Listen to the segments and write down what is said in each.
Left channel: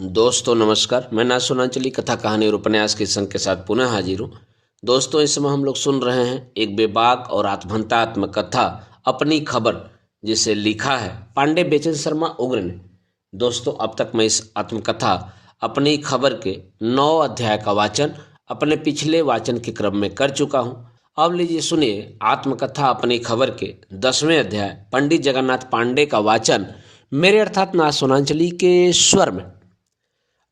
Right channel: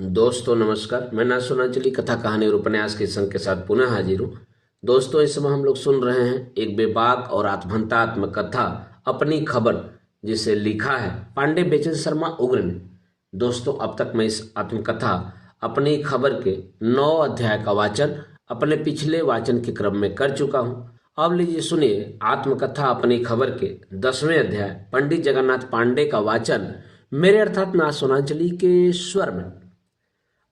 दोस्तों नमस्कार। मैं ना सुनाचली कथा कहानी और उपन्यास के संग के साथ पुनः हाजिर हूँ। दोस्तों इस समय हम लोग सुन रहे हैं एक बेबाक और आत्महत्यात्मक कथा अपनी खबर, जिसे लिखा है पांडे बेचन शर्मा उग्र ने। दोस्तों अब तक मैं इस आत्मकथा अपनी खबर के 9 अध्याय का वाचन अपने पिछले वाचन के क्रम में कर चुका हूँ। अब लीजिए सुनिए आत्मकथा अपनी खबर के 10वें अध्याय पंडित जगन्नाथ पांडे का वाचन मेरे अर्थात ना सुनांचली के स्वर में।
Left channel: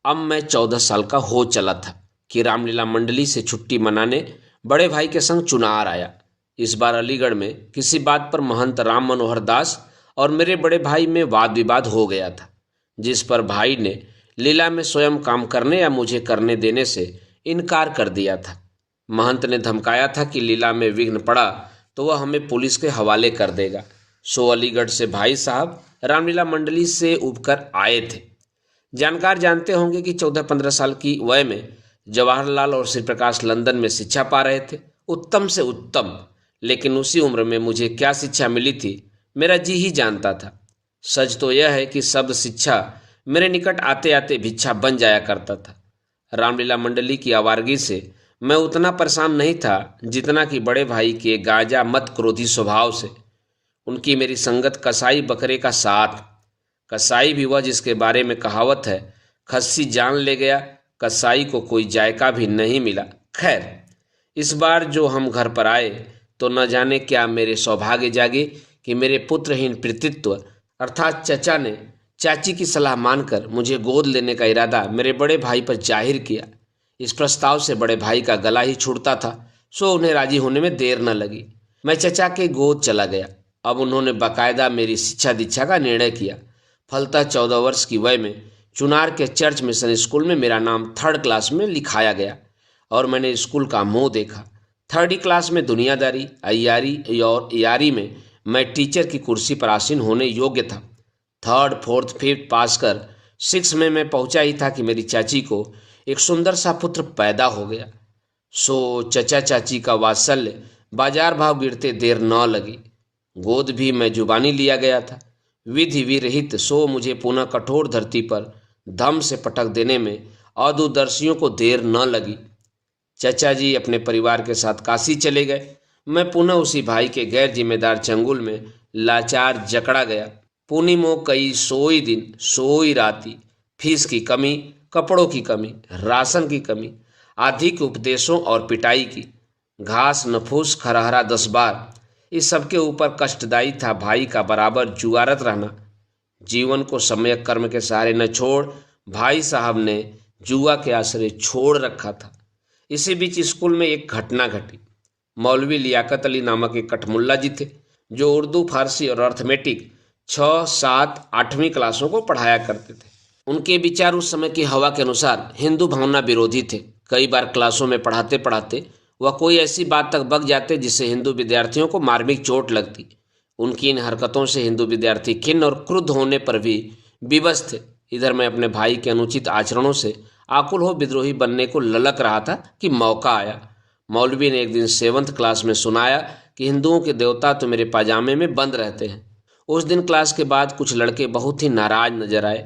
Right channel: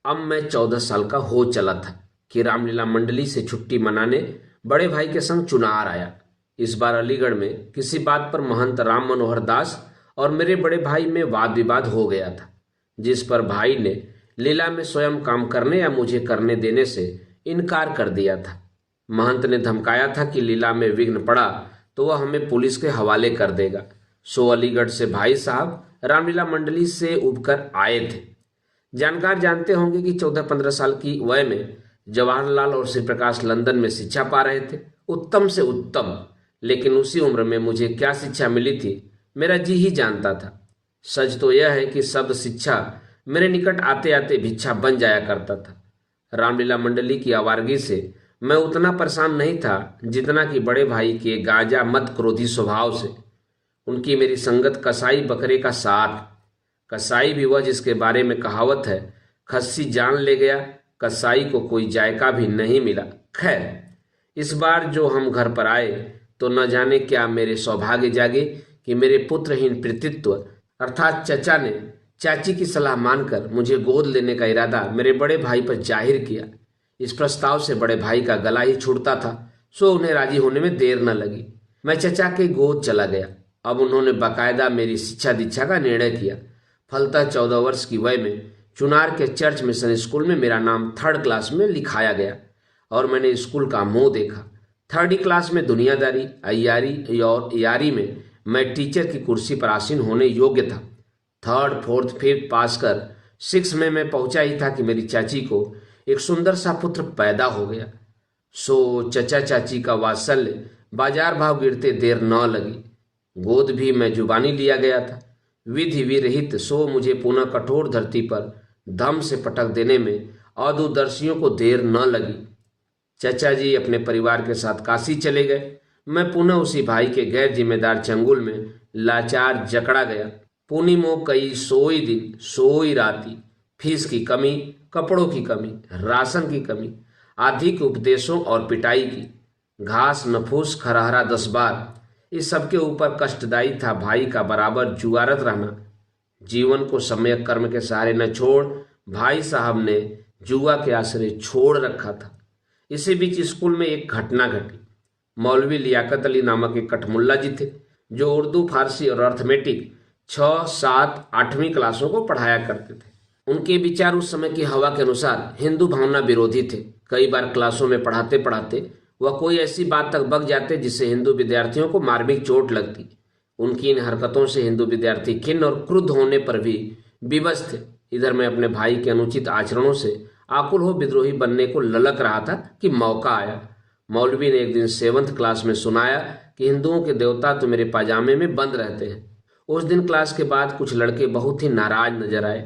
अब मैं 14 साल का हो चला था कि रामलीला मंडली से छुट्टी मनाने बड़े भाई के संग चुनार आया। इस बार अलीगढ़ में किसी बात पर महंत राम मनोहर दास और मेरे बड़े भाई में वाद विवाद हो गया था, जिस पर भाई ने लीला में स्वयं काम करने या मुझे करने देने से इनकार कर दिया था। महंत ने धमकाया था कि लीला में विघ्न पड़ा तो वह हमें पुलिस के हवाले कर देगा। सो अलीगढ़ से भाई साहब रामलीला मंडली से उबकर आए थे। जानकार जानते होंगे कि 14-15 साल की वय में जवाहरलाल और श्री प्रकाश लंदन में शिक्षा पा रहे थे, उत्तम से उत्तम। लेकिन उसी उम्र में मुझे क्या शिक्षा मिली थी मेरा जी ही जानता था। सच तो यह है कि शब्द शिक्षा मेरे निकट आते आते भिक्षा बन जाया करता था। रामलीला मंडली की आवारगी से मैं उतना परेशान नहीं था जितना कि बड़े भाई के गाजा मत क्रोधी स्वभाव से। उनकी मेरी संगत कसाई बकरे का साथ। कसाई भी वह जिसके बारे में कहावत है, खस्सी जान ले गया कसाई को कोई जायका भी नहीं मिला। खैर इस बार जो हम घर पर आए तो न जाने क्या मेरे सौभाग्य जागे कि मेरे पुत्रहीन पितृत्व अर्थात चचा ने चाची की सलाह मानकर मुझे गोद लेने का इरादा मेरे बड़े भाई पर जाहिर किया। इस प्रस्ताव से बड़े भाई का गला ही छूटता था, सो उन्हें राजी होने में देर न लगी। मैं चचा के गोद चला गया। अब उन्होंने बाकायदा मेरी शिक्षा दीक्षा का निर्णय किया। फलतः 14 वर्ष की वय में चुनार के चर्च मिशन स्कूल में मेरा नाम 3rd क्लास में लिखाया गया और मैंने स्कूल का मुंह देखा। 3rd क्लास में दुनियादारी, अय्यारी और यारी में मैं टीचर की कुर्सी पर आसीन होने योग्य था। 3rd, 4th, 5th पास कर 6 में मैं पहुंचा ही था कि मेरी चाची को एक सुंदर सा पुत्र पैदा हो गया। सो चचा चाची का वात्सल्य बाजार भाव गिरते देर न लगी। गोद भी मैं जुबानी लिया गया था। विधि विरहित सो मुझे पुनः कठोर धरती पर धम से पटक देने में अदूरदर्शियों को देर न लगी। चचा जी अपने परिवार के साथ काशी चले गए। मैं पुनः उसी भाई के गैर जिम्मेदार चंगुल में लाचार जकड़ा गया। पूर्णिमो कई सोई दिन सोई राती, फीस की कमी, कपड़ों की कमी, राशन की कमी, अधिक उपदेशों और पिटाई की, घास नफूस खरहरा 10 बार, इस सबके ऊपर कष्टदायी था भाई का बराबर जुआरत रहना। जीवन को समय कर्म के सहारे न छोड़ भाई साहब ने जुआ के आसरे छोड़ रखा था। इसी बीच स्कूल में एक घटना घटी। मौलवी लियाकत अली नामक एक कठमुल्ला जी थे जो उर्दू, फारसी और अर्थमेटिक 6, 7, 8वीं क्लासों को पढ़ाया करते थे। उनके विचार उस समय की हवा के अनुसार हिंदू भावना विरोधी थे। कई बार क्लासों में पढ़ाते पढ़ाते वह कोई ऐसी बात तक बक जाते जिससे हिंदू विद्यार्थियों को मार्मिक चोट लगती। उनकी इन हरकतों से हिंदू विद्यार्थी खिन्न और क्रुद्ध होने पर भी विवश थे। इधर मैं अपने भाई के अनुचित आचरणों से आकुल हो विद्रोही बनने को ललक रहा था कि मौका आया। मौलवी ने एक दिन 7th क्लास में सुनाया कि हिंदुओं के देवता तो मेरे पाजामे में बंद रहते हैं। उस दिन क्लास के बाद कुछ लड़के बहुत ही नाराज नजर आए।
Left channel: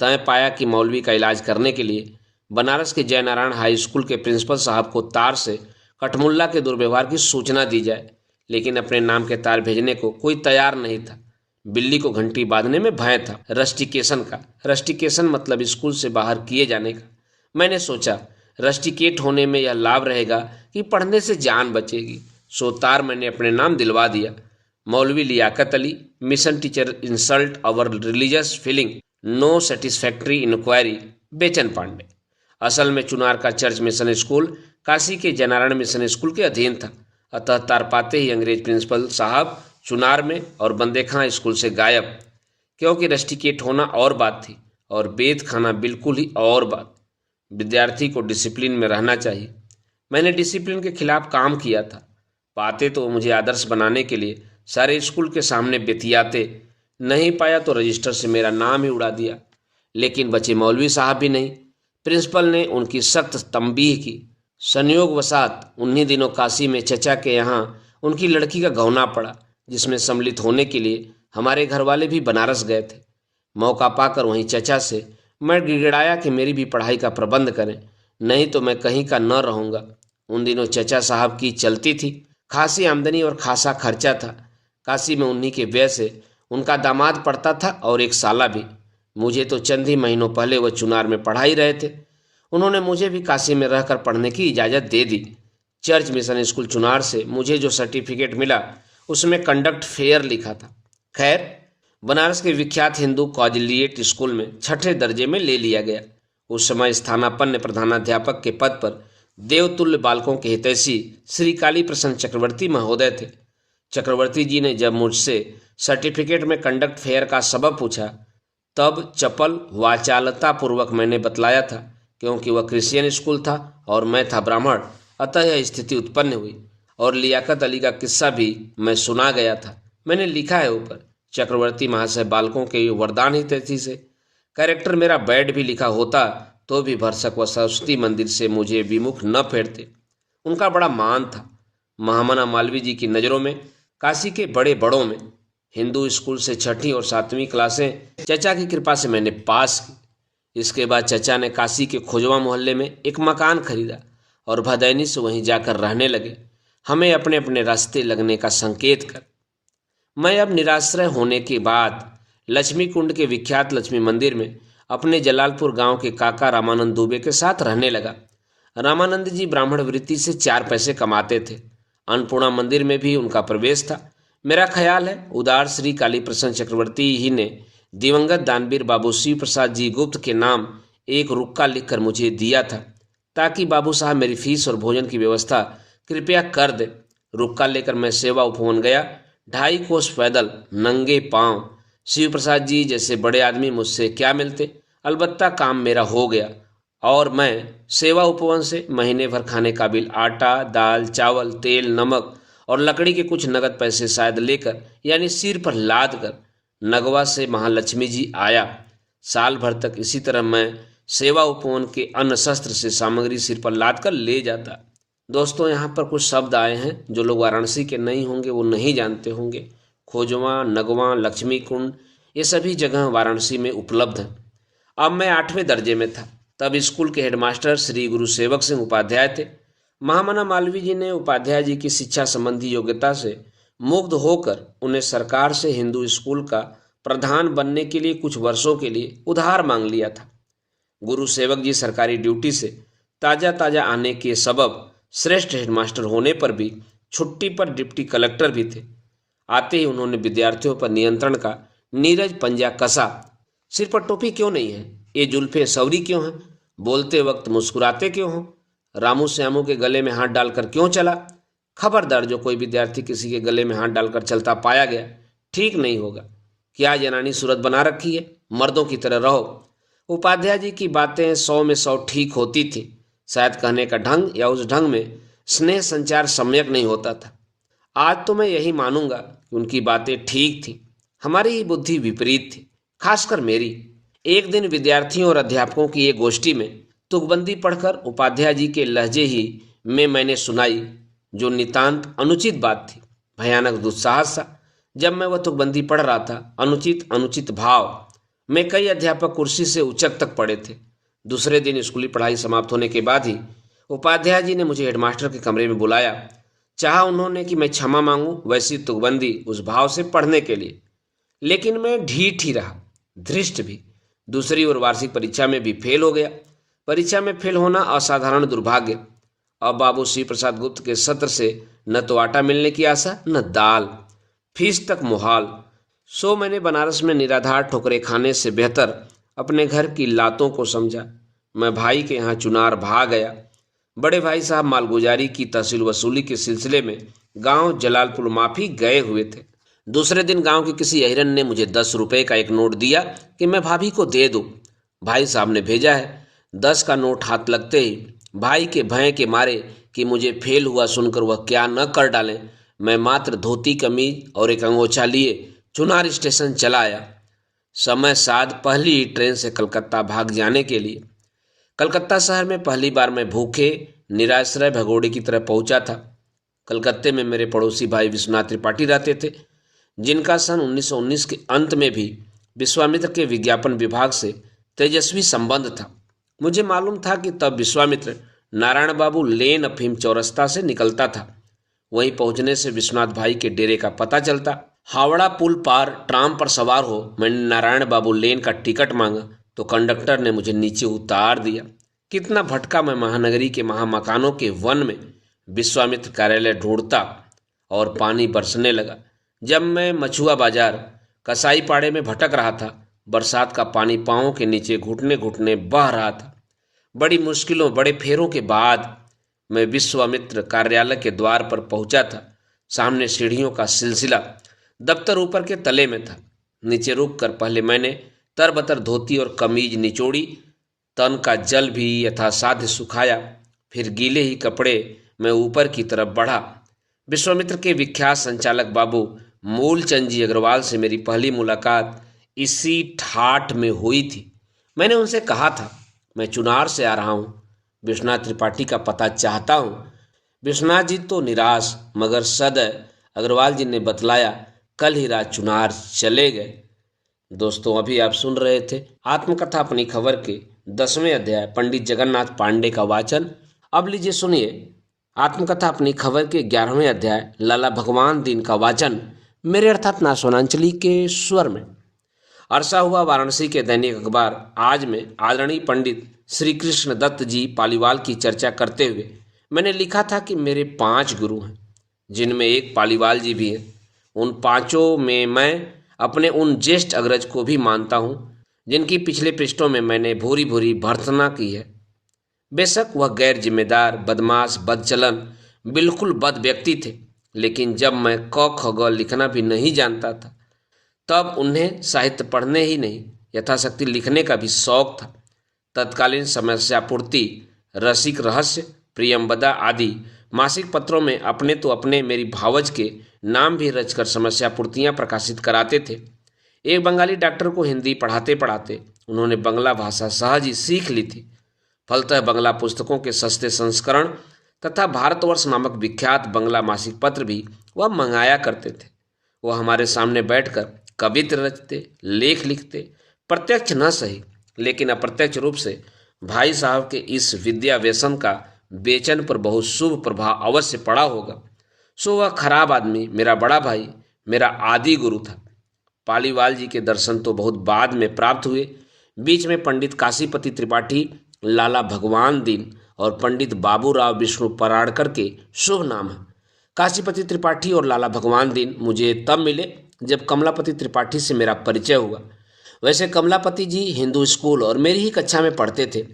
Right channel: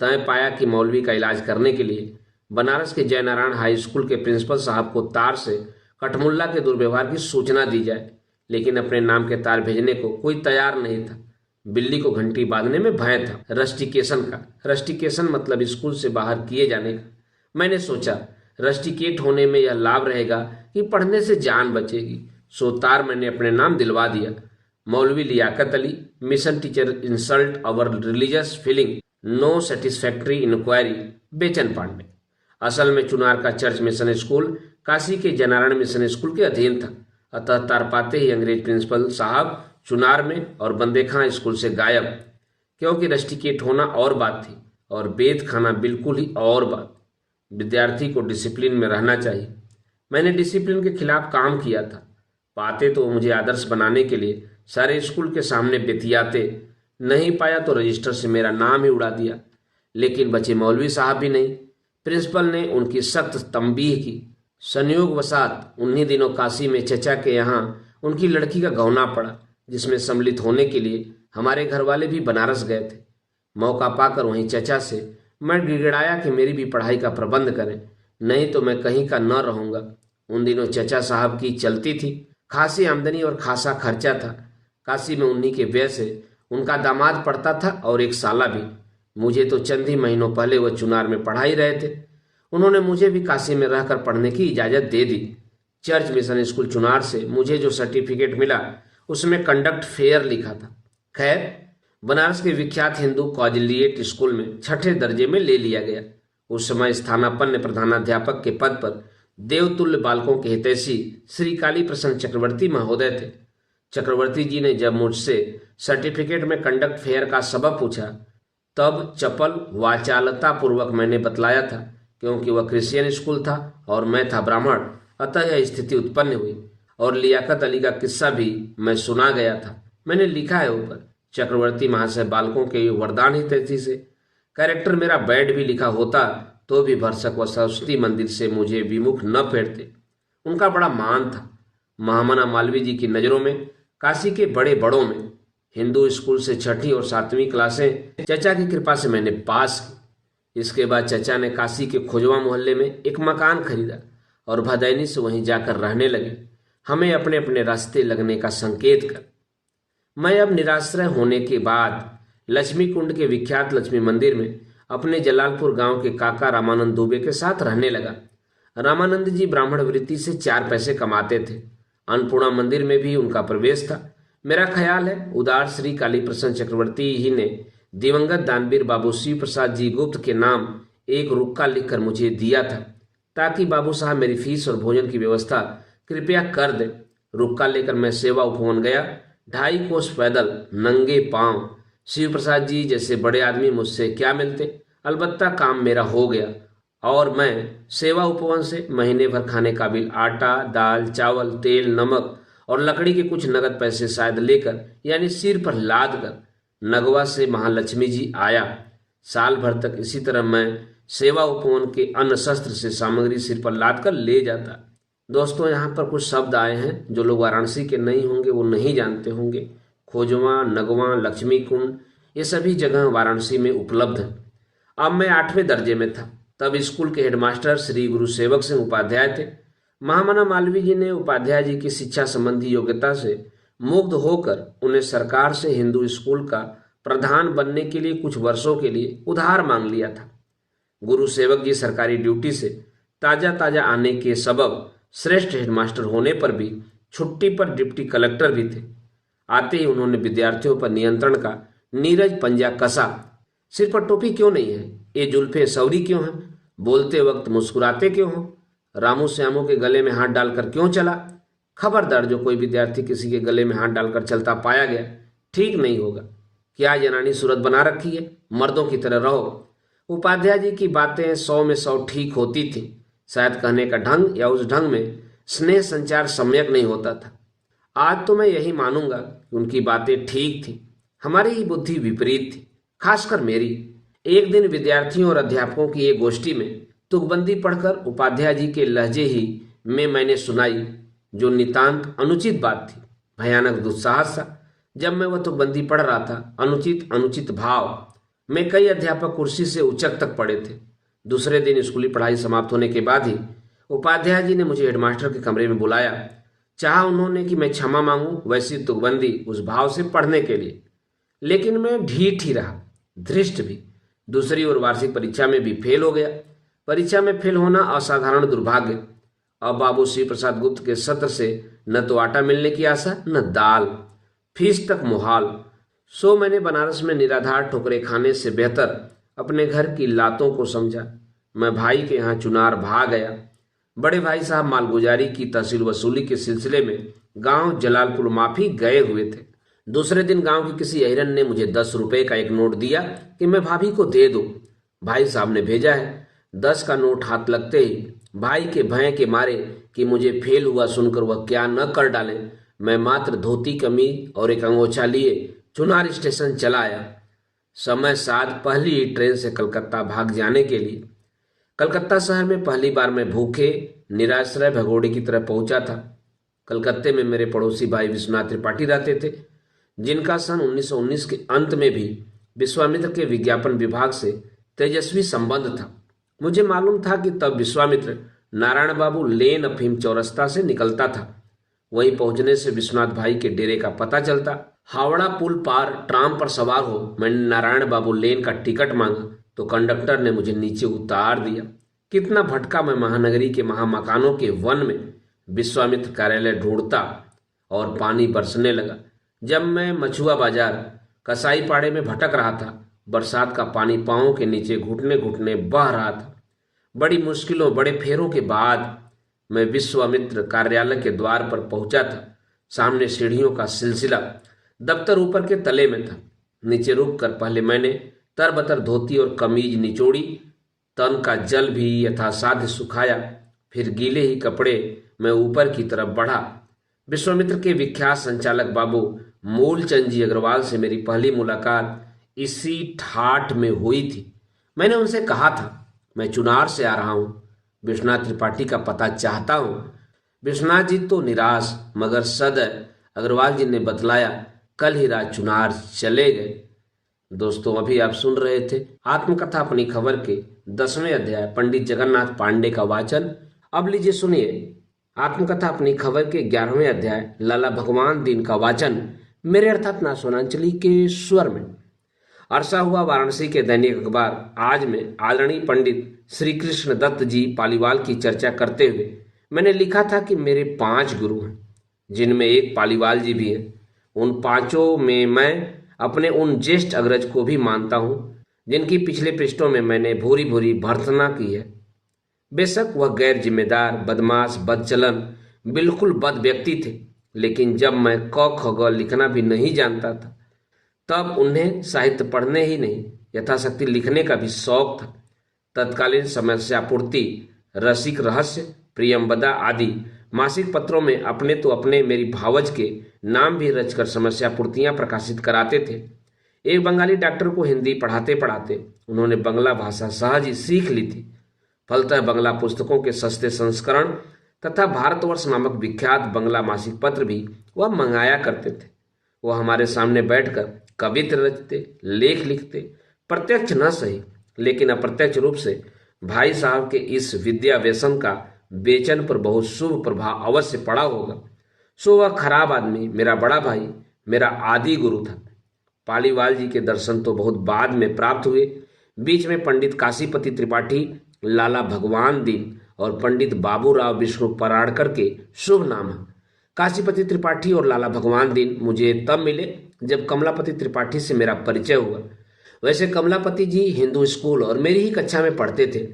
तय पाया कि मौलवी का इलाज करने के लिए बनारस के जयनारायण हाई स्कूल के प्रिंसिपल साहब को तार से कठमुल्ला के दुर्व्यवहार की सूचना दी जाए, लेकिन अपने नाम के तार भेजने को कोई तैयार नहीं था। बिल्ली को घंटी बांधने में भय था। रस्टिकेशन का, रस्टिकेशन मतलब स्कूल से बाहर किए जाने का। मैंने सोचा रस्टिकेट होने में यह लाभ रहेगा कि पढ़ने से जान बचेगी। सो तार मैंने अपने नाम दिलवा दिया, मौलवी Liaquat Ali, mission teacher insult our religious feeling, no satisfactory inquiry, Bechan Pandey. असल में चुनार का चर्च मिशन स्कूल काशी के जयनारायण मिशन स्कूल के अधीन था। अतः तार पाते ही अंग्रेज प्रिंसिपल साहब चुनार में और बंदे खां स्कूल से गायब। क्योंकि रस्टिकेट होना और बात थी और बेद खाना बिल्कुल ही और बात। विद्यार्थी को डिसिप्लिन में रहना चाहिए। मैंने डिसिप्लिन के खिलाफ काम किया था। पाते तो मुझे आदर्श बनाने के लिए सारे स्कूल के सामने बेतियाते। नहीं पाया तो रजिस्टर से मेरा नाम ही उड़ा दिया। लेकिन बचे मौलवी साहब भी नहीं। प्रिंसिपल ने उनकी सख्त तंबीह की। संयोगवशात उन्हीं दिनों काशी में चचा के यहाँ उनकी लड़की का गौना पड़ा, जिसमें सम्मिलित होने के लिए हमारे घर वाले भी बनारस गए थे। मौका पाकर वहीं चचा से मैं गिड़गिड़ाया कि मेरी भी पढ़ाई का प्रबंध करें, नहीं तो मैं कहीं का न रहूँगा। उन दिनों चचा साहब की चलती थी, खासी आमदनी और खासा खर्चा था। काशी में उन्हीं के व्यय से उनका दामाद पढ़ता था और एक साला भी। मुझे तो चंद ही महीनों पहले वह चुनार में पढ़ा ही रहे थे। उन्होंने मुझे भी काशी में रहकर पढ़ने की इजाज़त दे दी। चर्च मिशन स्कूल चुनार से मुझे जो सर्टिफिकेट मिला उसमें कंडक्ट फेयर लिखा था। खैर, बनारस के विख्यात हिंदू कॉलेजिएट स्कूल में छठे दर्जे में ले लिया गया। उस समय स्थानापन्न प्रधानाध्यापक के पद पर देवतुल्य बालकों के हितैषी श्री काली प्रसन्न चक्रवर्ती महोदय थे। चक्रवर्ती जी ने जब मुझसे सर्टिफिकेट में कंडक्ट फेयर का सबब पूछा, तब चपल वाचालता पूर्वक मैंने बतलाया था, क्योंकि वह क्रिश्चियन स्कूल था और मैं था ब्राह्मण, अतः यह स्थिति उत्पन्न हुई। और लियाकत अली का किस्सा भी मैं सुना गया था। मैंने लिखा है ऊपर, चक्रवर्ती महाशय बालकों के वरदान हितैषी से। कैरेक्टर मेरा बैड भी लिखा होता तो भी भरसक व सरस्वती मंदिर से मुझे विमुख न फेरते। उनका बड़ा मान था। महामना मालवीय जी की नज़रों में, काशी के बड़े बड़ों में, हिंदू स्कूल से छठी और सातवीं क्लासें चचा की कृपा से मैंने पास की। इसके बाद चचा ने काशी के खोजवा मोहल्ले में एक मकान खरीदा और भदैनी से वहीं जाकर रहने लगे, हमें अपने अपने रास्ते लगने का संकेत कर। मैं अब निराश्रय होने के बाद लक्ष्मी कुंड के विख्यात लक्ष्मी मंदिर में अपने जलालपुर गांव के काका रामानंद दुबे के साथ रहने लगा। रामानंद जी ब्राह्मण वृत्ति से 4 पैसे कमाते थे। अन्नपूर्णा मंदिर में भी उनका प्रवेश था। मेरा ख्याल है उदार श्री काली प्रसन्न चक्रवर्ती ही ने दिवंगत दानवीर बाबू शिव प्रसाद जी गुप्त के नाम एक रुक्का लिखकर मुझे दिया था, ताकि बाबू साहब मेरी फीस और भोजन की व्यवस्था कृपया कर दे। रुक्का लेकर मैं सेवा उपवन गया। 2.5 कोस पैदल नंगे पांव। शिव प्रसाद जी जैसे बड़े आदमी मुझसे क्या मिलते, अलबत्ता काम मेरा हो गया और मैं सेवा उपवन से महीने भर खाने काबिल आटा, दाल, चावल, तेल, नमक और लकड़ी के कुछ नगद पैसे शायद लेकर, यानी सिर पर लाद कर, नगवा से महालक्ष्मी जी आया। साल भर तक इसी तरह मैं सेवा उपवन के अन्न शस्त्र से सामग्री सिर पर लाद कर ले जाता। दोस्तों, यहाँ पर कुछ शब्द आए हैं जो लोग वाराणसी के नहीं होंगे, वो नहीं जानते होंगे। खोजवा, नगवा, लक्ष्मी कुंड, ये सभी जगह वाराणसी में उपलब्ध हैं। अब मैं 8वें दर्जे में था। तब स्कूल के हेडमास्टर श्री गुरु सेवक सिंह उपाध्याय थे। महामना मालवीय जी ने उपाध्याय जी की शिक्षा संबंधी योग्यता से मुग्ध होकर उन्हें सरकार से हिंदू स्कूल का प्रधान बनने के लिए कुछ वर्षों के लिए उधार मांग लिया था। गुरु सेवक जी सरकारी ड्यूटी से ताज़ा ताज़ा आने के सबब श्रेष्ठ हेडमास्टर होने पर भी छुट्टी पर डिप्टी कलेक्टर भी थे। आते ही उन्होंने विद्यार्थियों पर नियंत्रण का नीरज पंजा कसा। सिर पर टोपी क्यों नहीं है? ये जुल्फे सौरी क्यों हैं? बोलते वक्त मुस्कुराते क्यों हो? रामू श्यामू के गले में हाथ डालकर क्यों चला? खबरदार, जो कोई विद्यार्थी किसी के गले में हाथ डालकर चलता पाया गया, ठीक नहीं होगा। क्या जनानी सूरत बना रखी है? मर्दों की तरह रहो। उपाध्याय जी की बातें 100 में 100 ठीक होती थी। शायद कहने का ढंग या उस ढंग में स्नेह संचार सम्यक नहीं होता था। आज तो मैं यही मानूंगा कि उनकी बातें ठीक थी, हमारी ही बुद्धि विपरीत थी, खासकर मेरी। एक दिन विद्यार्थियों और अध्यापकों की एक गोष्ठी में तुकबंदी पढ़कर उपाध्याय जी के लहजे ही में मैंने सुनाई, जो नितांत अनुचित बात थी, भयानक दुस्साहस था। जब मैं वह तुकबंदी पढ़ रहा था, अनुचित अनुचित भाव में कई अध्यापक कुर्सी से उचक तक पड़े थे। दूसरे दिन स्कूली पढ़ाई समाप्त होने के बाद ही उपाध्याय जी ने मुझे हेडमास्टर के कमरे में बुलाया। चाहा उन्होंने कि मैं क्षमा मांगूं वैसी तुकबंदी उस भाव से पढ़ने के लिए, लेकिन मैं ढीठ ही रहा, धृष्ट भी। दूसरी ओर वार्षिक परीक्षा में भी फेल हो गया। परीक्षा में फेल होना असाधारण दुर्भाग्य। अब बाबू श्री प्रसाद गुप्त के सत्र से न तो आटा मिलने की आशा, न दाल, फीस तक मुहाल। सो मैंने बनारस में निराधार ठोकरे खाने से बेहतर अपने घर की लातों को समझा। मैं भाई के यहाँ चुनार भाग गया। बड़े भाई साहब मालगुजारी की तहसील वसूली के सिलसिले में गांव जलालपुर माफी गए हुए थे। दूसरे दिन गांव के किसी अहिरन ने मुझे 10 रुपए का एक नोट दिया कि मैं भाभी को दे दूं। भाई साहब ने भेजा है। 10 का नोट हाथ लगते ही भाई के भय के मारे कि मुझे फेल हुआ सुनकर वह क्या न कर डालें, मैं मात्र धोती कमीज और एक अंगोछा लिए चुनार स्टेशन चला आया। समय साध पहली ही ट्रेन से कलकत्ता भाग जाने के लिए। कलकत्ता शहर में पहली बार मैं भूखे निराश्रय भगोड़े की तरह पहुंचा था। कलकत्ते में मेरे पड़ोसी भाई विश्वनाथ त्रिपाठी रहते थे, जिनका सन 1919 के अंत में भी विश्वामित्र के विज्ञापन विभाग से तेजस्वी संबंध था। मुझे मालूम था कि तब विश्वामित्र नारायण बाबू लेन अफीम चौरस्ता से निकलता था। वहीं पहुंचने से विश्वनाथ भाई के डेरे का पता चलता। हावड़ा पुल पार ट्राम पर सवार हो मैंने नारायण बाबू लेन का टिकट मांगा तो कंडक्टर ने मुझे नीचे उतार दिया। कितना भटका मैं महानगरी के महामकानों के वन में विश्वामित्र कार्यालय ढूंढता और पानी बरसने लगा। जब मैं मछुआ बाजार कसाई पाड़े में भटक रहा था, बरसात का पानी पांवों के नीचे घुटने घुटने बह रहा था। बड़ी मुश्किलों बड़े फेरों के बाद मैं विश्वामित्र कार्यालय के द्वार पर पहुंचा था। सामने सीढ़ियों का सिलसिला, दफ्तर ऊपर के तले में था। नीचे रुककर पहले मैंने तरबतर धोती और कमीज निचोड़ी, तन का जल भी यथासाध्य सुखाया, फिर गीले ही कपड़े मैं ऊपर की तरफ बढ़ा। विश्वामित्र के विख्यात संचालक बाबू मूलचंद जी अग्रवाल से मेरी पहली मुलाकात इसी ठाठ में हुई थी। मैंने उनसे कहा था, मैं चुनार से आ रहा हूँ, विश्वनाथ त्रिपाठी का पता चाहता हूँ। विश्वनाथ जी तो निराश मगर सदैव अग्रवाल जी ने बतलाया, कल ही रात चुनार चले गए। दोस्तों, अभी आप सुन रहे थे आत्मकथा अपनी खबर के 10वें अध्याय पंडित जगन्नाथ पांडे का वाचन। अब लीजिए सुनिए आत्मकथा अपनी खबर के 11वें अध्याय लाला भगवान दीन का वाचन मेरे अर्थात नासोनांचली के स्वर में। अरसा हुआ वाराणसी के दैनिक अखबार आज में आदरणीय पंडित श्री कृष्ण दत्त जी पालीवाल की चर्चा करते हुए मैंने लिखा था कि मेरे 5 गुरु हैं, जिनमें एक पालीवाल जी भी है। उन पांचों में मैं अपने उन ज्येष्ठ अग्रज को भी मानता हूँ जिनकी पिछले पृष्ठों में मैंने भूरी भूरी भर्त्सना की है। बेशक वह गैर जिम्मेदार, बदमाश, बदचलन, बिल्कुल बद व्यक्ति थे, लेकिन जब मैं क ख ग लिखना भी नहीं जानता था तब उन्हें साहित्य पढ़ने ही नहीं यथाशक्ति लिखने का भी शौक था। तत्कालीन समस्या पूर्ति, रसिक रहस्य, प्रियंवदा आदि मासिक पत्रों में अपने तो अपने मेरी भावज के नाम भी रचकर समस्या पूर्तियां प्रकाशित कराते थे। एक बंगाली डॉक्टर को हिंदी पढ़ाते पढ़ाते उन्होंने बंगला भाषा सहज ही सीख ली थी। फलतः बंगला पुस्तकों के सस्ते संस्करण तथा भारतवर्ष नामक विख्यात बंगला मासिक पत्र भी वह मंगाया करते थे। वह हमारे सामने बैठकर कवित्र रचते, लेख लिखते, प्रत्यक्ष न सही लेकिन अप्रत्यक्ष रूप से भाई साहब के इस विद्या व्यसन का बेचन पर बहुत शुभ प्रभाव अवश्य पड़ा होगा। सो वह खराब आदमी मेरा बड़ा भाई, मेरा आदि गुरु था। पालीवाल जी के दर्शन तो बहुत बाद में प्राप्त हुए। बीच में पंडित काशीपति त्रिपाठी, लाला भगवान दीन और पंडित बाबूराव विष्णु पराड़कर के शुभ नाम है। काशीपति त्रिपाठी और लाला भगवान दीन मुझे तब मिले जब कमलापति त्रिपाठी से मेरा परिचय हुआ। वैसे कमलापति जी हिंदू स्कूल और मेरी ही कक्षा में पढ़ते थे,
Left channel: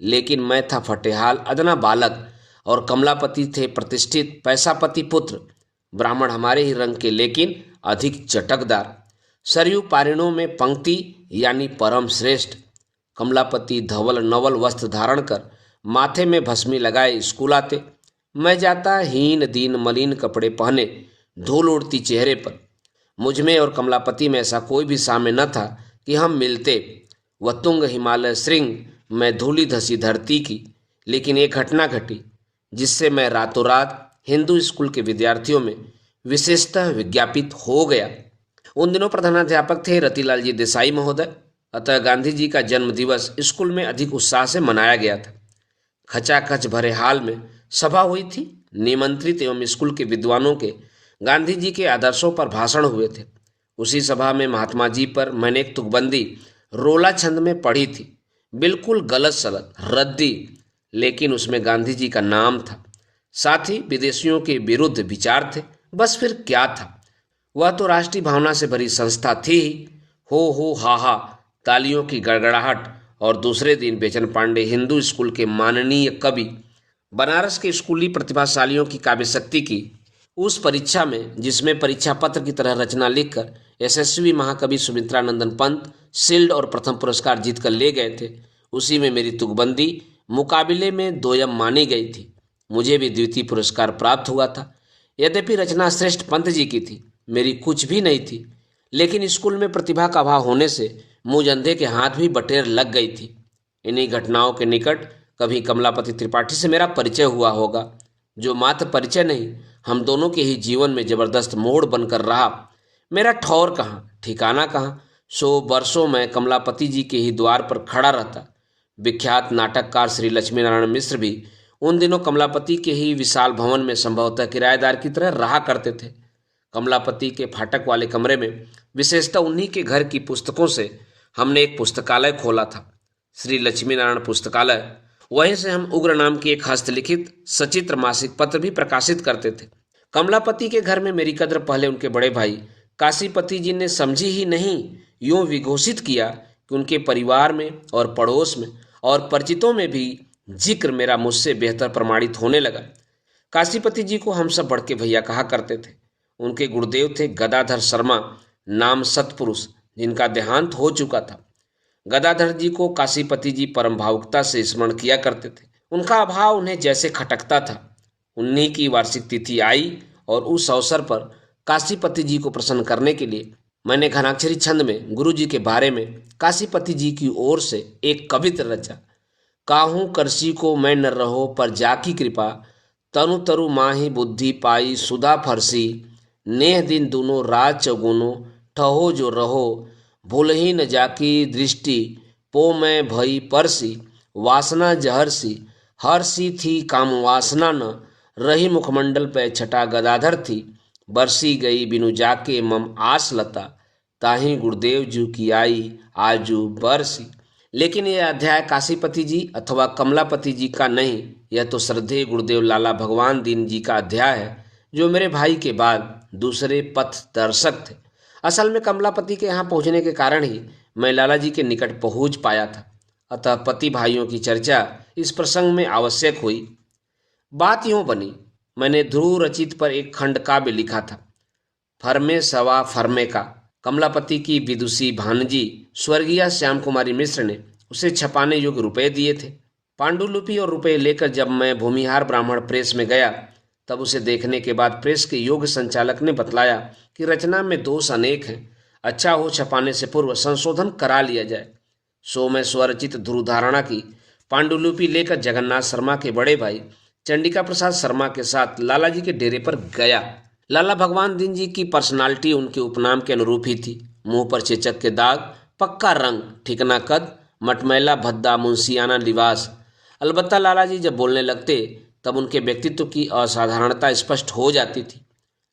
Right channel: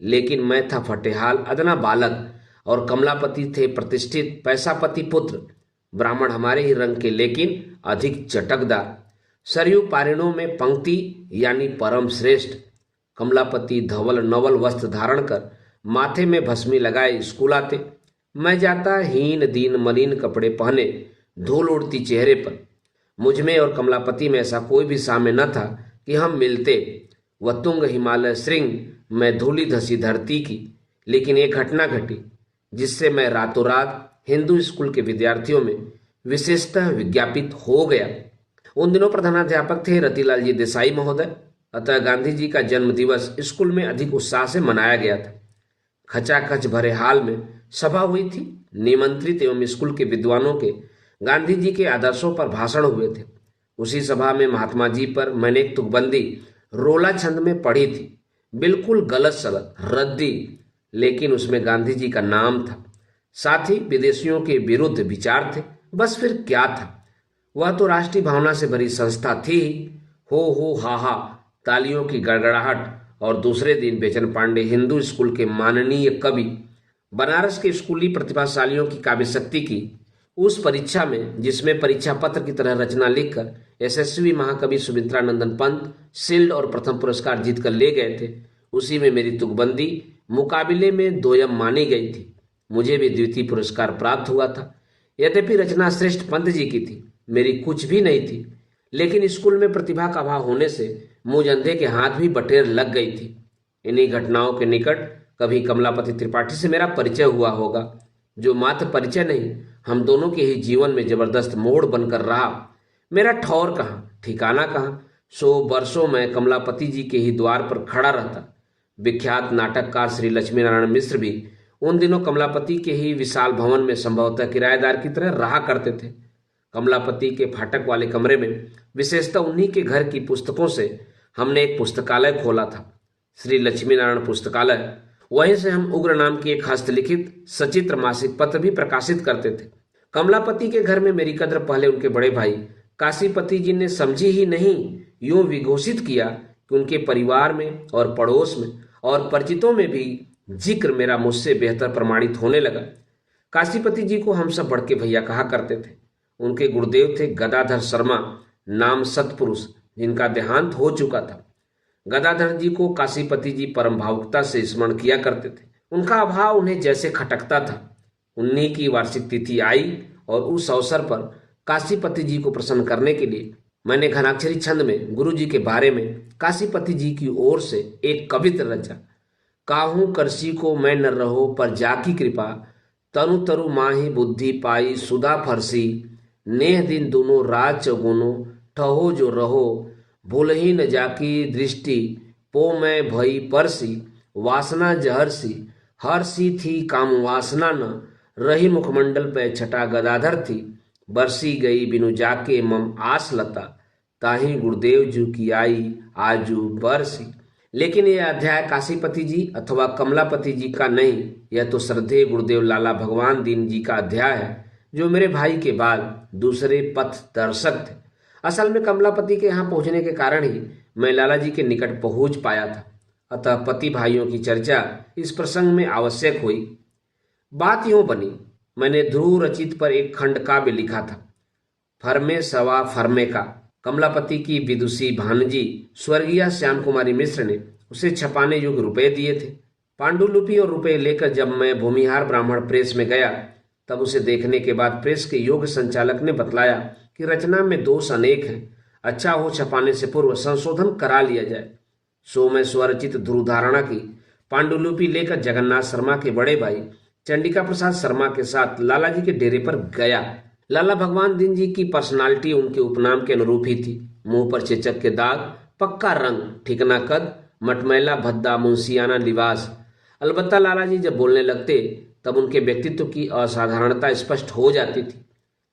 लेकिन मैं था फटेहाल अदना बालक और कमलापति थे प्रतिष्ठित पैसापति पुत्र, ब्राह्मण हमारे ही रंग के लेकिन अधिक चटकदार, सरयू पारिणों में पंक्ति यानी परम श्रेष्ठ। कमलापति धवल नवल वस्त्र धारण कर माथे में भस्मी लगाए स्कूल आते। मैं जाता हीन दीन मलिन कपड़े पहने, धूल उड़ती चेहरे पर। मुझ में और कमलापति में ऐसा कोई भी साम्य न था कि हम मिलते। वह तुंग हिमालय श्रृंग, मैं धूली धसी धरती की। लेकिन एक घटना घटी जिससे मैं रातों रात हिंदू स्कूल के विद्यार्थियों में विशेषतः विज्ञापित हो गया। उन दिनों प्रधानाध्यापक थे रतिलाल जी देसाई महोदय, अतः गांधी जी का जन्म दिवस स्कूल में अधिक उत्साह से मनाया गया था। खचाखच भरे हाल में सभा हुई थी। निमंत्रित एवं स्कूल के विद्वानों के गांधी जी के आदर्शों पर भाषण हुए थे। उसी सभा में महात्मा जी पर मैंने एक तुकबंदी रोला छंद में पढ़ी थी, बिल्कुल गलत सलत रद्दी, लेकिन उसमें गांधी जी का नाम था। साथ ही विदेशियों के विरुद्ध विचार थे। बस फिर क्या था, वह तो राष्ट्रीय भावना से भरी संस्था थी ही। हो हा हा तालियों की गड़गड़ाहट। और दूसरे दिन बेचन पांडे हिंदू स्कूल के माननीय कवि, बनारस के स्कूली प्रतिभाशालियों की काव्य शक्ति की उस परीक्षा में, जिसमें परीक्षा पत्र की तरह रचना लिखकर यशस्वी महाकवि सुमित्रानंदन पंत शिल्ड और प्रथम पुरस्कार जीतकर ले गए थे, उसी में मेरी तुकबंदी मुकाबले में दोयम मानी गई थी। मुझे भी द्वितीय पुरस्कार प्राप्त हुआ था। यद्यपि रचना श्रेष्ठ पंत जी की थी, मेरी कुछ भी नहीं थी, लेकिन स्कूल में प्रतिभा का अभाव होने से मुझ अंधे के हाथ भी बटेर लग गई थी। इन्हीं घटनाओं के निकट कभी कमलापति त्रिपाठी से मेरा परिचय हुआ होगा, जो मात्र परिचय नहीं, हम दोनों के ही जीवन में जबरदस्त मोड़ बनकर रहा। मेरा ठौर कहाँ, ठिकाना कहाँ, सो वर्षों में कमलापति जी के ही द्वार पर खड़ा रहता। विख्यात नाटककार श्री लक्ष्मी नारायण मिश्र भी उन दिनों कमलापति के ही विशाल भवन में संभवतः किराएदार की तरह रहा करते थे। कमलापति के फाटक वाले कमरे में, विशेषतः उन्हीं के घर की पुस्तकों से, हमने एक पुस्तकालय खोला था, श्री लक्ष्मी नारायण पुस्तकालय। वहीं से हम उग्र नाम की एक हस्तलिखित सचित्र मासिक पत्र भी प्रकाशित करते थे। कमलापति के घर में मेरी कद्र पहले उनके बड़े भाई काशीपति जी ने समझी ही नहीं, यूं विघोषित किया कि उनके परिवार में और पड़ोस में और परिचितों में भी जिक्र मेरा मुझसे बेहतर प्रमाणित होने लगा। काशीपति जी को हम सब बड़के भैया कहा करते थे। उनके गुरुदेव थे गदाधर शर्मा नाम सत्पुरुष, जिनका देहांत हो चुका था। गदाधर जी को काशीपति जी परम भावुकता से स्मरण किया करते थे। उनका अभाव उन्हें जैसे खटकता था। उन्हीं की वार्षिक तिथि आई और उस अवसर पर काशीपति जी को प्रसन्न करने के लिए मैंने घनाक्षरी छंद में गुरु जी के बारे में काशीपति जी की ओर से एक कवित्र रचा। काहू करसी को मैं न रहो पर जाकी कृपा, तनु तरु माही बुद्धि पाई सुधा फरसी, नेह दिन दोनों रात चौगुनो ठहो जो रहो, भूलही न जाकी दृष्टि पो मैं भई परसी, वासना जहरसी हरसी थी काम वासना न, रही मुखमंडल पे छटा गदाधर थी, बरसी गई बिनु जाके मम आस लता, ताही गुरुदेव जी की आई आजू बरसी। लेकिन यह अध्याय काशीपति जी अथवा कमलापति जी का नहीं, यह तो श्रद्धेय गुरुदेव लाला भगवान दीन जी का अध्याय है, जो मेरे भाई के बाद दूसरे पथ दर्शक थे। असल में कमलापति के यहाँ पहुँचने के कारण ही मैं लाला जी के निकट पहुँच पाया था। अतः पति भाइयों की चर्चा इस प्रसंग में आवश्यक हुई। बात यूं बनी, मैंने ध्रुव रचित पर एक खंड काव्य लिखा था, फरमे सवा फरमे का। कमलापति की विदुषी भानजी स्वर्गीय श्याम कुमारी मिश्र ने उसे छपाने योग्य रुपए दिए थे। पांडुलिपि और रुपए लेकर जब मैं भूमिहार ब्राह्मण प्रेस में गया, तब उसे देखने के बाद प्रेस के योग्य संचालक ने बतलाया कि रचना में दोष अनेक हैं, अच्छा हो छपाने से पूर्व संशोधन करा लिया जाए। सो मैं स्वरचित ध्रुव धारणा की पांडुलिपि लेकर जगन्नाथ शर्मा के बड़े भाई चंडिका प्रसाद शर्मा के साथ लाला जी के डेरे पर गया। लाला भगवान दीन जी की पर्सनालिटी उनके उपनाम के अनुरूप ही थी। मुंह पर चेचक के दाग, पक्का रंग, ठिकना कद, मटमैला भद्दा मुंशियाना लिबास। अलबत्ता लाला जी जब बोलने लगते तब उनके व्यक्तित्व की असाधारणता स्पष्ट हो जाती थी।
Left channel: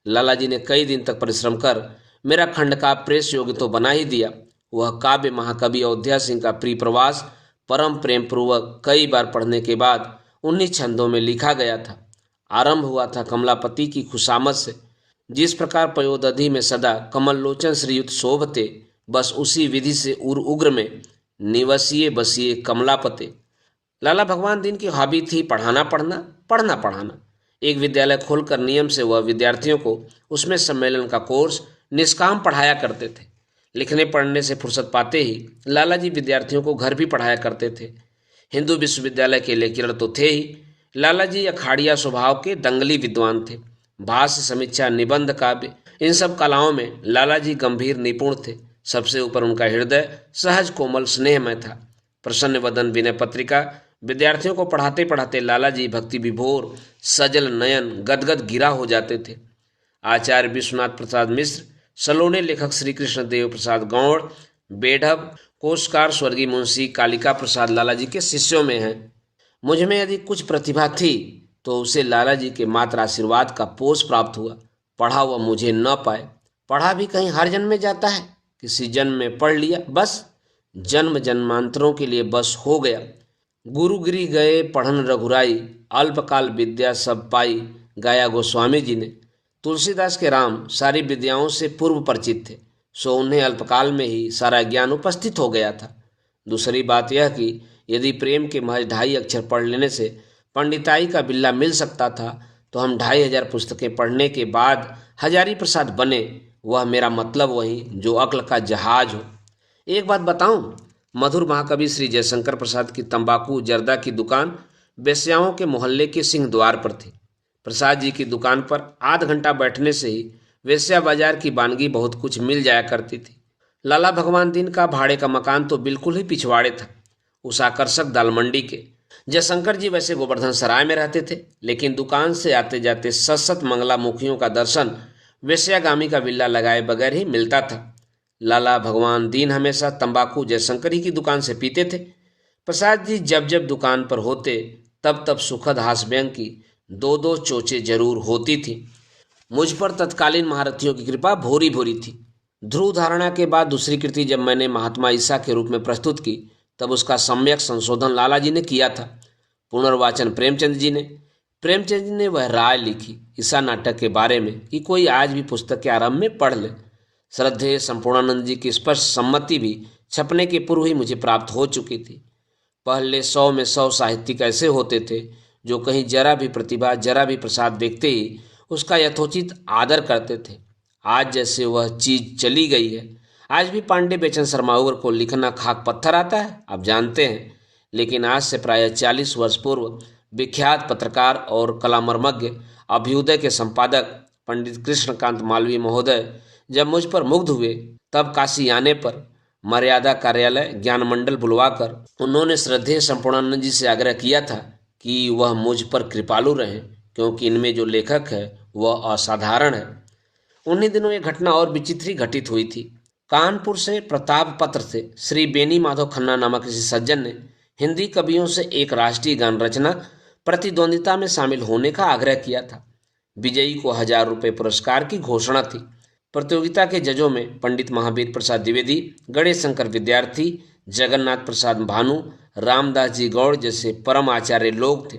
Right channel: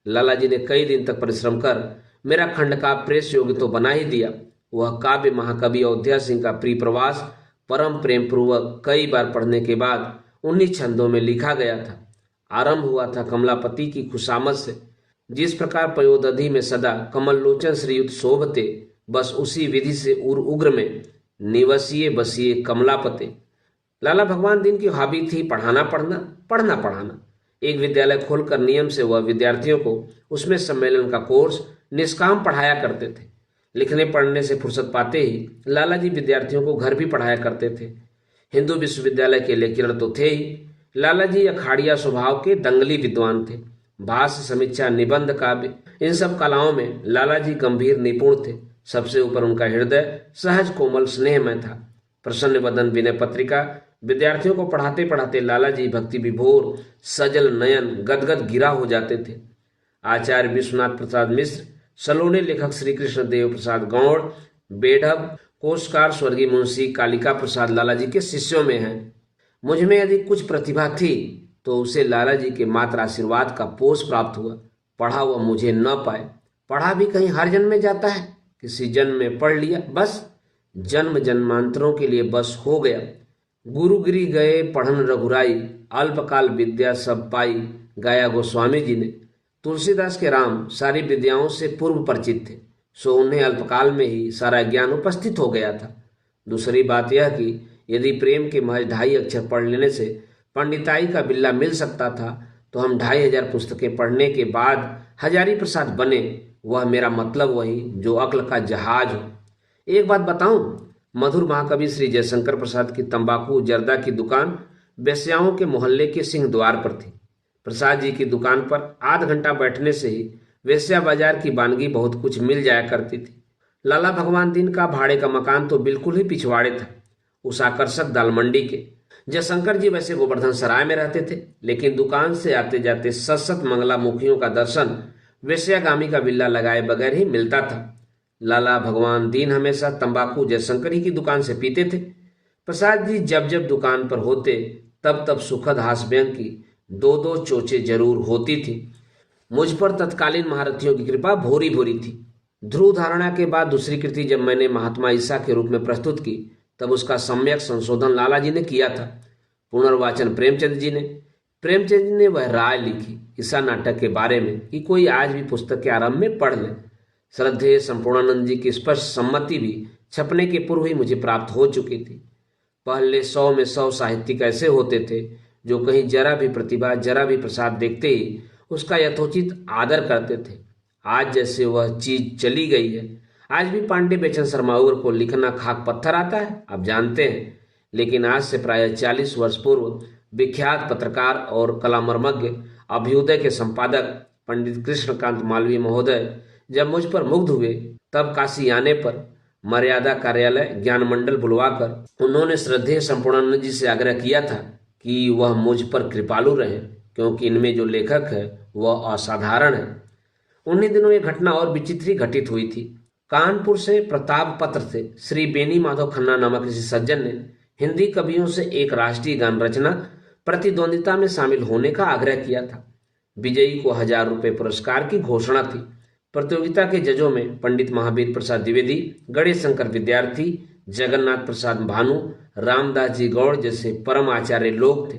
लाला जी ने कई दिन तक परिश्रम कर मेरा खंड का प्रेस योग्य तो बना ही दिया। वह काव्य महाकवि अयोध्या सिंह का प्रिय प्रवास परम प्रेम पूर्वक कई बार पढ़ने के बाद 19 छंदों में लिखा गया था। आरंभ हुआ था कमलापति की खुशामद से, जिस प्रकार पयोदधि में सदा कमल लोचन श्रीयुत शोभते, बस उसी विधि से उग्र में निवसिए बसिए कमलापते। लाला भगवान दीन की हॉबी थी पढ़ाना पढ़ाना। एक विद्यालय खोलकर नियम से वह विद्यार्थियों को उसमें सम्मेलन का कोर्स निष्काम पढ़ाया करते थे। लिखने पढ़ने से फुर्सत पाते ही लाला जी विद्यार्थियों को घर भी पढ़ाया करते थे। हिंदू विश्वविद्यालय के लेक्चरर तो थे ही। लाला जी अखाड़िया स्वभाव के दंगली विद्वान थे। भाष्य, समीक्षा, निबंध, काव्य, इन सब कलाओं में लाला जी गंभीर निपुण थे। सबसे ऊपर उनका हृदय सहज कोमल स्नेहमय था। प्रसन्न वदन विनय पत्रिका विद्यार्थियों को पढ़ाते पढ़ाते लाला जी भक्ति विभोर सजल नयन गदगद गिरा हो जाते थे। आचार्य विश्वनाथ प्रसाद मिश्र, सलोने लेखक श्री कृष्ण देव प्रसाद गौड़, बेढब कोशकार स्वर्गीय मुंशी कालिका प्रसाद लाला जी के शिष्यों में हैं। मुझ में यदि कुछ प्रतिभा थी तो उसे लाला जी के मात्र आशीर्वाद का पोष प्राप्त हुआ। पढ़ा हुआ मुझे न पाए। पढ़ा भी कहीं हर जन्म में जाता है, किसी जन्म में पढ़ लिया, बस जन्म जन्मांतरों के लिए बस हो गया। गुरुगिरी गए पढ़न रघुराई, अल्पकाल विद्या सब पाई, गाया गोस्वामी जी ने। तुलसीदास के राम सारी विद्याओं से पूर्व परिचित थे, सो उन्हें अल्पकाल में ही सारा ज्ञान उपस्थित हो गया था। दूसरी बात यह कि यदि प्रेम के महज 2.5 अक्षर पढ़ लेने से पंडिताई का बिल्ला मिल सकता था, तो हम 2500 पुस्तकें पढ़ने के बाद हजारी प्रसाद बने। वह मेरा मतलब वही जो अक्ल का जहाज हो। एक बात बताऊं, मधुर महाकवि श्री जयशंकर प्रसाद की तंबाकू जर्दा की दुकान बेस्याओं के मोहल्ले के सिंह द्वार पर थी। प्रसाद जी की दुकान पर आध घंटा बैठने से ही वेश्या बाजार की वानगी बहुत कुछ मिल जाया करती थी। लाला भगवान दीन का भाड़े का मकान तो बिल्कुल ही पिछवाड़े था, उस आकर्षक दाल मंडी के। जयशंकर जी वैसे गोवर्धन सराय में रहते थे, लेकिन दुकान से आते जाते सत मंगला मुखियों का दर्शन वेश्यागामी का बिल्ला लगाए बगैर ही मिलता था। लाला भगवान दीन हमेशा तंबाकू जयशंकर ही की दुकान से पीते थे। प्रसाद जी जब जब दुकान पर होते तब तब सुखद हास्य व्यंग की दो दो चोचे जरूर होती थी। मुझ पर तत्कालीन महारथियों की कृपा भूरी भूरी थी। ध्रुव धारणा के बाद दूसरी कृति जब मैंने महात्मा ईसा के रूप में प्रस्तुत की तब उसका सम्यक संशोधन लाला जी ने किया था, पुनर्वाचन प्रेमचंद जी ने। प्रेमचंद जी ने वह राय लिखी ईसा नाटक के बारे में कि कोई आज भी पुस्तक के आरंभ में पढ़ ले। श्रद्धेय संपूर्णानंद जी की स्पष्ट सम्मति भी छपने के पूर्व ही मुझे प्राप्त हो चुकी थी। पहले 100 में 100 साहित्यिक ऐसे होते थे जो कहीं जरा भी प्रतिभा जरा भी प्रसाद देखते ही उसका यथोचित आदर करते थे। आज जैसे वह चीज चली गई है। आज भी पांडे बेचन शर्माउर को लिखना खाक पत्थर आता है, आप जानते हैं। लेकिन आज से प्राय 40 वर्ष पूर्व विख्यात पत्रकार और कलामर्मज्ञ अभ्युदय के संपादक पंडित कृष्णकांत मालवीय महोदय जब मुझ पर मुग्ध हुए तब काशी आने पर मर्यादा कार्यालय ज्ञान मंडल बुलवाकर उन्होंने श्रद्धेय संपूर्णानंद जी से आग्रह किया था कि वह मुझ पर कृपालु रहे, क्योंकि इनमें जो लेखक है वह असाधारण है। उन्हीं दिनों ये घटना और विचित्र ही घटित हुई थी। कानपुर से प्रताप पत्र से श्री बेनी माधव खन्ना नामक किसी सज्जन ने हिंदी कवियों से एक राष्ट्रीय गान रचना प्रतिद्वंदिता में शामिल होने का आग्रह किया था। विजयी को 1000 रुपये पुरस्कार की घोषणा थी। प्रतियोगिता के जजों में पंडित महावीर प्रसाद द्विवेदी, गणेश शंकर विद्यार्थी, जगन्नाथ प्रसाद भानु, रामदास जी गौड़ जैसे परम आचार्य लोग थे।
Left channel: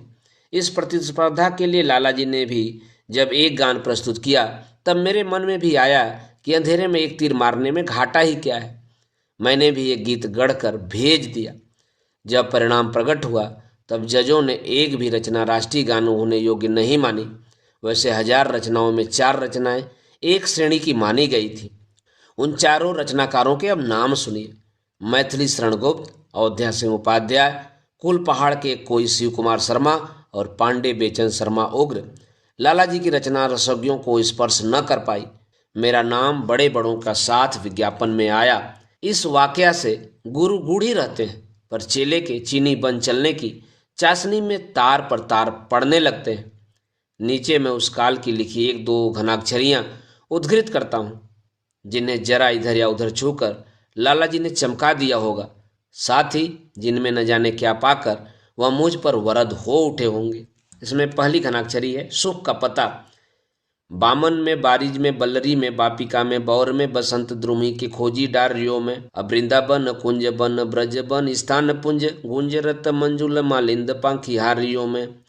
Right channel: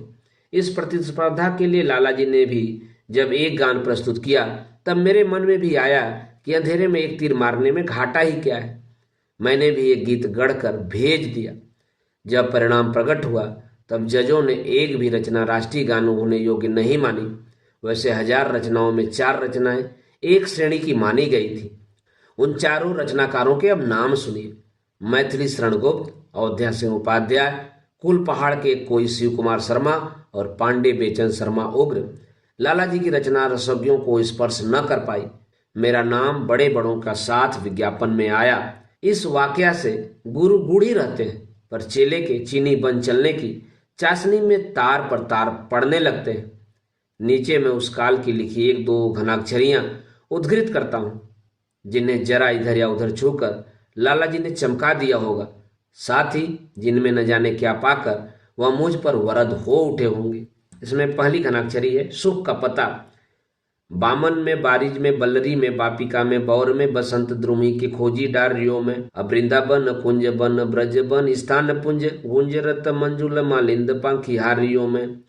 इस प्रतिस्पर्धा के लिए लाला जी ने भी जब एक गान प्रस्तुत किया तब मेरे मन में भी आया कि अंधेरे में एक तीर मारने में घाटा ही क्या है। मैंने भी एक गीत गढ़कर भेज दिया। जब परिणाम प्रकट हुआ तब जजों ने एक भी रचना राष्ट्रीय गान होने योग्य नहीं मानी। वैसे 1000 रचनाओं में 4 रचनाएं एक श्रेणी की मानी गई थी। उन चारों रचनाकारों के अब नाम सुनिए। मैथिली शरण गुप्त, अयोध्या सिंह उपाध्याय, कुल पहाड़ के कोई शिव कुमार शर्मा और पांडे बेचन शर्मा उग्र। लाला जी की रचना रसज्ञों को स्पर्श न कर पाई। मेरा नाम बड़े बड़ों का साथ विज्ञापन में आया। इस वाकया से गुरु गूढ़ी रहते हैं, पर चेले के चीनी बन चलने की चाशनी में तार पर तार पड़ने लगते हैं। नीचे मैं उस काल की लिखी 1-2 घनाक्षरियां उद्धृत करता हूं, जिन्हें जरा इधर या उधर छूकर लाला जी ने चमका दिया होगा, साथ ही जिनमें न जाने क्या पाकर वह मुझ पर वरद हो उठे होंगे। इसमें पहली घनाक्षरी है सुख का पता। बामन में, बारिज में, बल्लरी में, बापिका में, बौर में, बसंत द्रुमी के खोजी डारियों में, अब वृंदावन कुंज बन ब्रज बन स्थान पुंज गुंजरत मंजुल मालिंद पंखिहारियों में,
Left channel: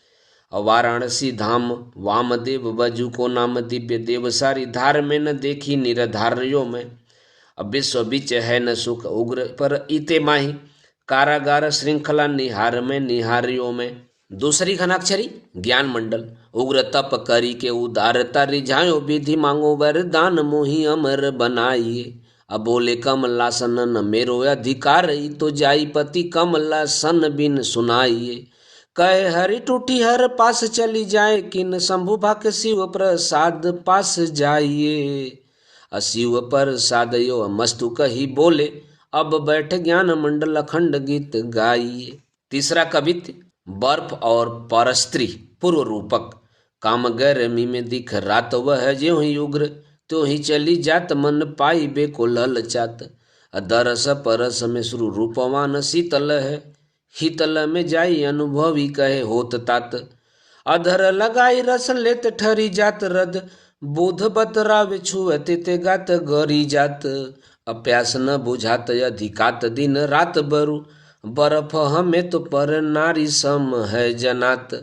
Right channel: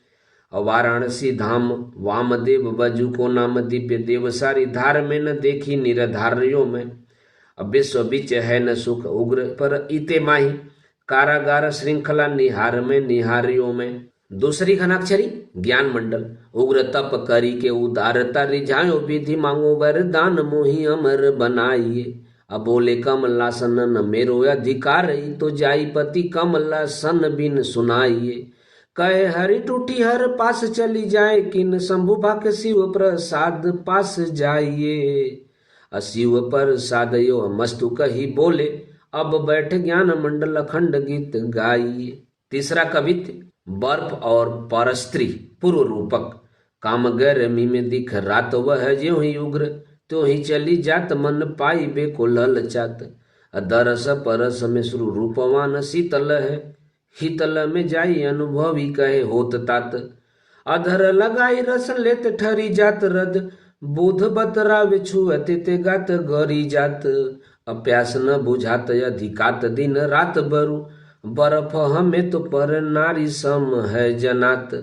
वाराणसी धाम वामदेव बजू को नाम दिव्य देव सारी धार में न देखी निरधारियों में, अब विश्व बिच है न सुख उग्र पर इते माही कारागार श्रृंखला निहार में निहारियों में। दूसरी घनाक्षरी ज्ञान मंडल। उग्र तप करी के उदारता रिझायो विधि मांगो वरदान मोहि अमर बनाइए, अब बोले कमलासन न मेरो अधिकार तो जाई पति कमलासन बिन सुनाइए, कहे हरि टूटी हर पास चली जाए किन शंभु भाक शिव प्रसाद पास जाइए, शिव प्रसाद यो मस्तु कही बोले अब बैठ ज्ञान मंडल अखंड गीत गाइए। तीसरा कवित्व बर्फ और परस्त्री पूर्व रूपक। काम गर्मी में दिख रात वह ज्यों ही उग्र त्यों ही चली जात मन पाई बेको ललचात, दरस परस में श्रु रूपवान शीतल है शीतल में जाई अनुभवी कहे होत तात, अधर लगाई रस लेत ठरी जात रद बोध बतरावे छुअते ते गात गरी जात, अप्यास न बुझात अधिकात दिन रात बरु बर्फ हमें तो पर नारी सम है जनात।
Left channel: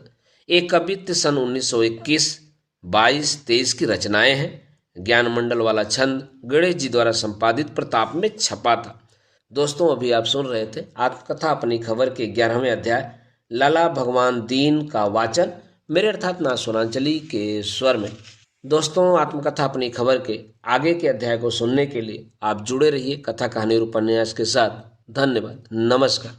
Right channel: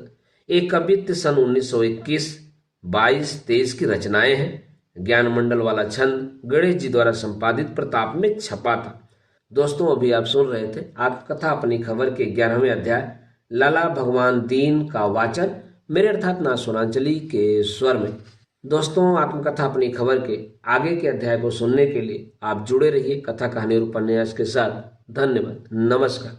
एक कवित्व सन 1921, 22, 23 की रचनाएं हैं। ज्ञान मंडल वाला छंद गणेश जी द्वारा संपादित प्रताप में छपा था। दोस्तों, अभी आप सुन रहे थे आत्मकथा अपनी खबर के 11वें अध्याय लाला भगवान दीन का वाचन मेरे अर्थात ना सोनांचली के स्वर में। दोस्तों, आत्मकथा अपनी खबर के आगे के अध्याय को सुनने के लिए आप जुड़े रहिए कथा कहानी और उपन्यास के साथ। धन्यवाद। नमस्कार।